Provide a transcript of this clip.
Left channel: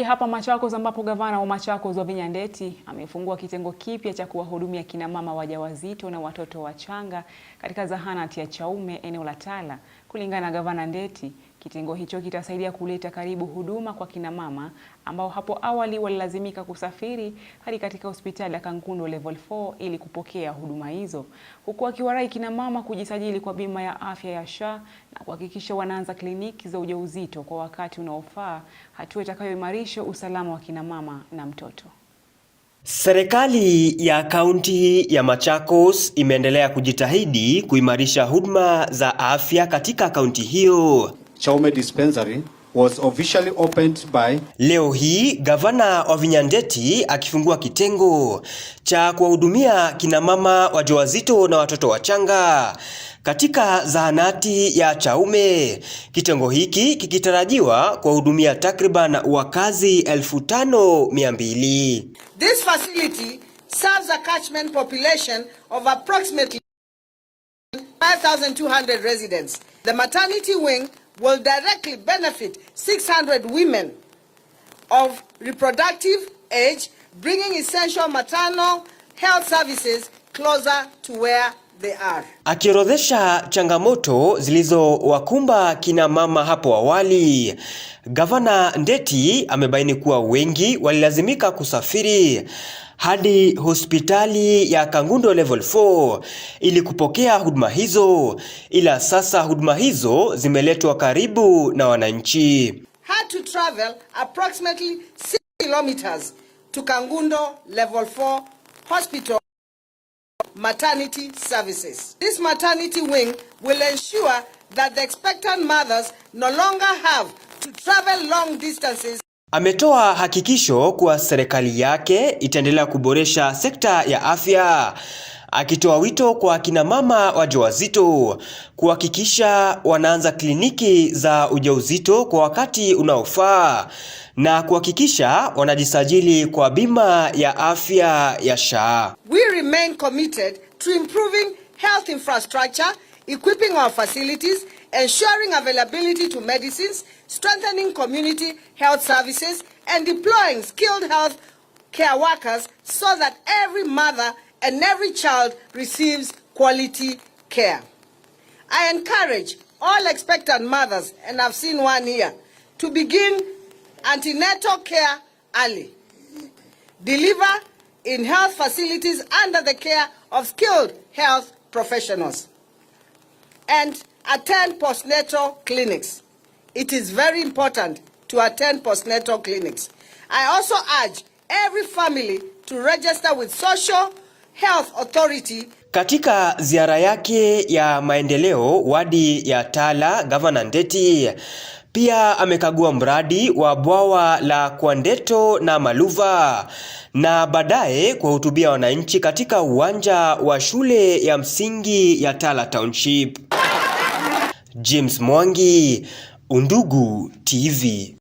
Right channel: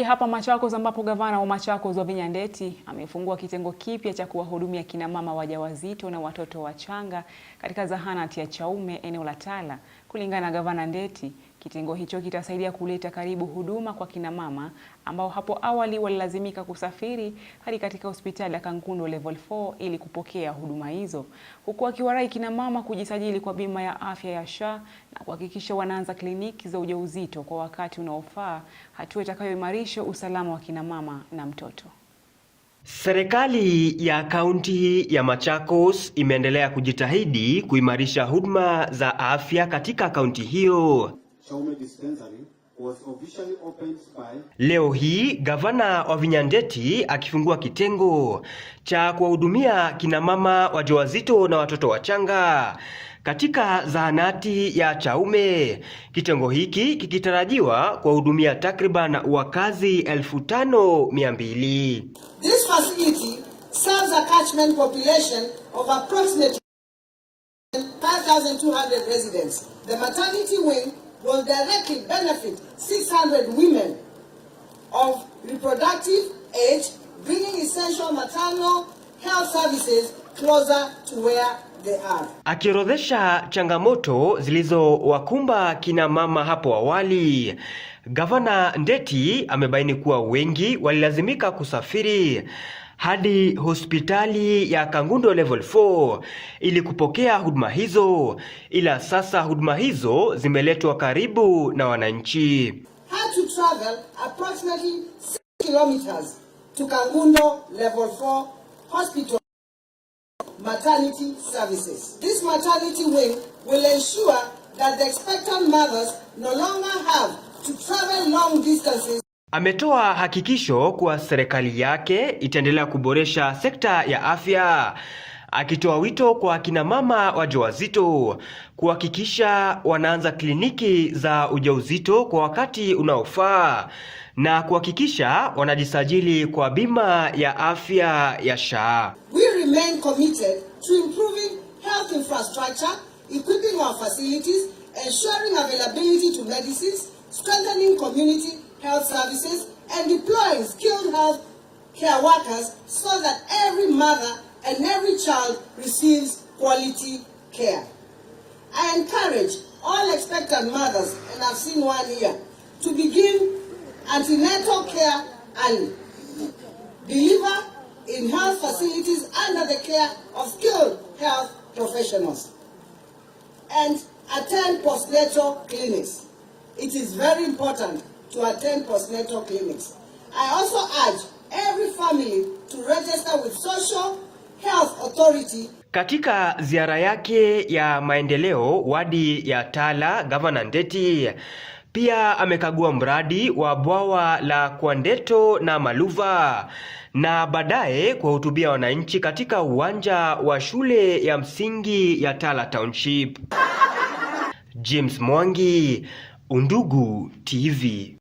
Hapa Machakos ambapo gavana wa Machakos Wavinya Ndeti amefungua kitengo kipya cha kuwahudumia kina mama wajawazito na watoto wachanga katika zahanati ya Chaume eneo la Tala. Kulingana na gavana Ndeti, kitengo hicho kitasaidia kuleta karibu huduma kwa kina mama ambao hapo awali walilazimika kusafiri hadi katika hospitali ya Kangundo Level 4 ili kupokea huduma hizo, huku akiwarai kina mama kujisajili kwa bima ya afya ya SHA na kuhakikisha wanaanza kliniki za ujauzito kwa wakati unaofaa, hatua itakayoimarisha usalama wa kina mama na mtoto. Serikali ya kaunti ya Machakos imeendelea kujitahidi kuimarisha huduma za afya katika kaunti hiyo. Chaume Dispensary was officially opened by... Leo hii gavana Wavinya Ndeti akifungua kitengo cha kuwahudumia kina mama wajawazito na watoto wachanga katika zahanati ya Chaume. Kitengo hiki kikitarajiwa kuwahudumia takriban wakazi 5200. This facility serves a catchment population of approximately 5,200 residents. The maternity wing will directly benefit 600 women of reproductive age, bringing essential maternal health services closer to where they are. Akiorodhesha changamoto zilizowakumba kina mama hapo awali, Gavana Ndeti amebaini kuwa wengi walilazimika kusafiri hadi hospitali ya Kangundo Level 4 ili kupokea huduma hizo, ila sasa huduma hizo zimeletwa karibu na wananchi. Had to travel approximately 6 kilometers to Kangundo Level 4 Hospital maternity services. This maternity wing will ensure that the expectant mothers no longer have to travel long distances. Ametoa hakikisho kuwa serikali yake itaendelea kuboresha sekta ya afya, akitoa wito kwa kina mama wajawazito kuhakikisha wanaanza kliniki za ujauzito kwa wakati unaofaa na kuhakikisha wanajisajili kwa bima ya afya ya SHA. We remain committed to improving health infrastructure, equipping our facilities, ensuring availability to medicines, strengthening community health services, and deploying skilled health care workers so that every mother and every child receives quality care. I encourage all expectant mothers, and I've seen one here, to begin antenatal care early. Deliver in health facilities under the care of skilled health professionals. And attend postnatal clinics. It is very important to attend postnatal clinics. I also urge every family to register with Social Health Authority. Katika ziara yake ya maendeleo wadi ya Tala, Gavana Ndeti pia amekagua mradi wa bwawa la Kwandeto na Maluva na baadaye kuwahutubia wananchi katika uwanja wa shule ya msingi ya Tala Township. James Mwangi, Undugu TV.